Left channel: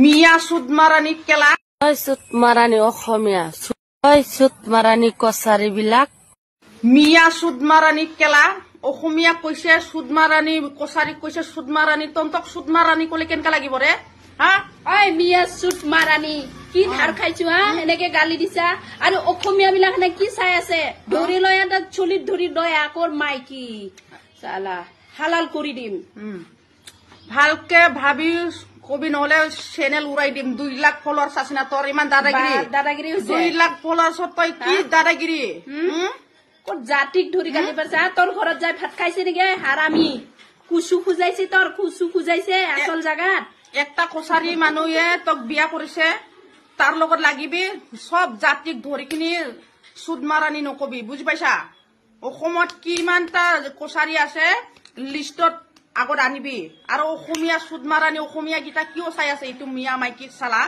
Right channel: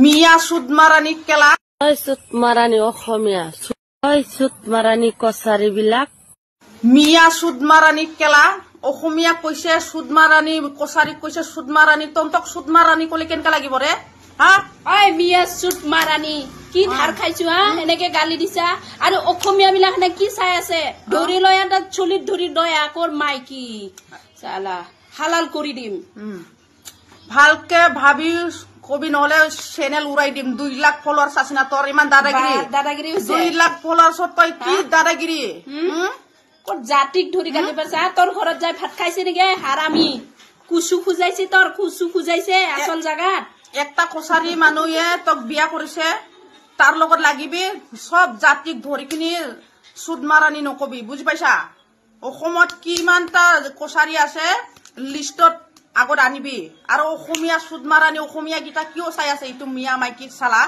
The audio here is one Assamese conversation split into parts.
মিয়া সুদমাৰানি কেলা সুদমাৰানি অসমীয়া সুদমাৰানি কছাৰী বিলাক মিয়া সুদমাৰানি কেলা অসমীয়া কৈছে সুদমাৰানি কছাৰী কৈছে সুদমাৰানি তন্তক সুদমাৰানি কলে কেনকা লাগিব ৰে হা ওই মিয়া সুদমাৰানি কি ধাৰ খাইছো হা এনেকে গালি দিছা আৰু অসমীয়া বিলাক এনে কি চাই আছে ধৰি লৈ এটা চুলিত ধৰি দয়া কৰ মাইকি সালা হালাল কৰি দিম ভালকে ভাবি কবি নহলে চেনেল উৰাই দিম 2 লাখ ফলোৱাৰ্স আছে না তোৰ ইমান দাদাগিৰি হৈছে 2 লাখ ফলোৱাৰ্সত তই কি দাদাগিৰি কত জাতিক ধৰি গালি পাৰছা তোৰ ঘৰত যাই ভাত খাইছে নেকি হাৰামি কুচু খুজাইছে তোৰ কুচু খুজাইছে আসল জাগাত একটা কছাৰী মানুহে তোক বিয়া কৰিছে তাৰ লগত লাগিবি সব জাতিক ধৰি কিনি সুদমাৰানি নকবি বুজি পাইছা অসমত কিমানটা কছাৰী আছে লিষ্টত আগত আনিবি আৰু অসমীয়া সুদমাৰানি অসমীয়া গীতা কিয় চাই আছে এইটো মিয়া মাইকি চালা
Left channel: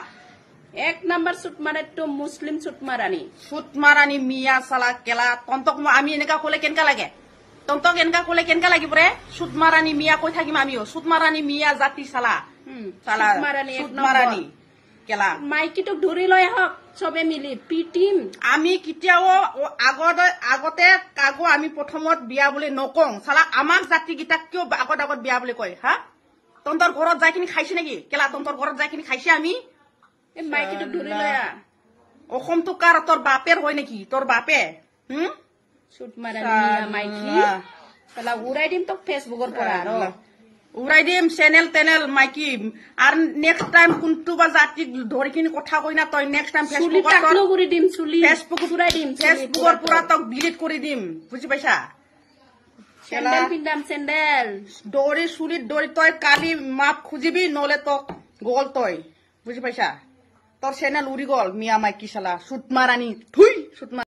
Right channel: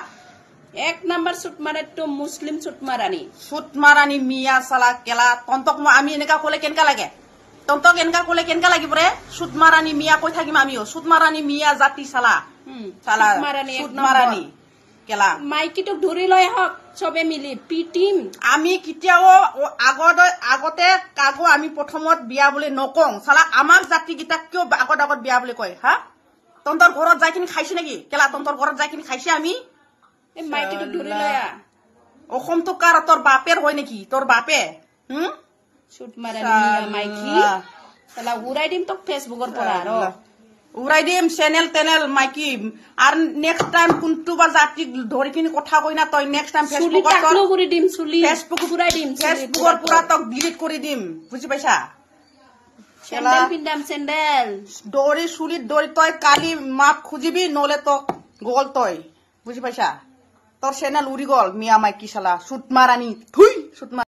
1 নম্বৰ সুদমাৰানি তো মুছলিম সুদমাৰানি মিয়া চালা কেলা তন্তক আমি এনেকা কলে কেনকা লাগে তন্তক এনেকা কলে কেনকা লাগিব ৰে সুদমাৰানি মিয়া কৈ থাকিম আমিও সুদমাৰানি মিয়া জাতি চালা চালা সুদমাৰানি কেলা মাইকিটোক ধৰি লৈ হক সবে মিলি পিটিম আমি কিতিয়াও আগতে কাগো আমি প্ৰথমত বিয়া বুলি নকং চালা আমাৰ জাতি গীতা কিয় আগত বিয়া বুলি কয় হা তন্তৰ ঘৰত যাইকিনি খাইছে নেকি কেলা তন্তৰ ঘৰত যাইকিনি খাইছে আমি এই মাইকিটোক ধৰি লৈ অসমটো কাৰ তোৰ বাপেৰ হয় নেকি তোৰ বাপে সুদমাৰানি মিয়া মাইকি চালা উৰাই দিম তোক ফেচবুকৰ পৰা আৰু উৰাই দিম চেনেল টেনেল মাইকি আৰু নেক্সট টাইম কোনটো বা জাতি ধৰি কিনি কথা কই না তই নেক্সট টাইম ফেচবুকত কৰি দিম চুলি ফেচবুকত উৰাই দিম ফেচবুকৰ পৰা তক ডিলিট কৰি দিম বুজি পাইছা চেন্ডেল পিন্দাম চেন্ডেল দৌৰি চুলিত দৌৰি তই কালি মাপ খুজিবি নহলে তক গল তই বুজি পাইছা তোৰ চেনেল উৰি গল মিয়া মাইকি চালা সুদমাৰানি থুই সুদমা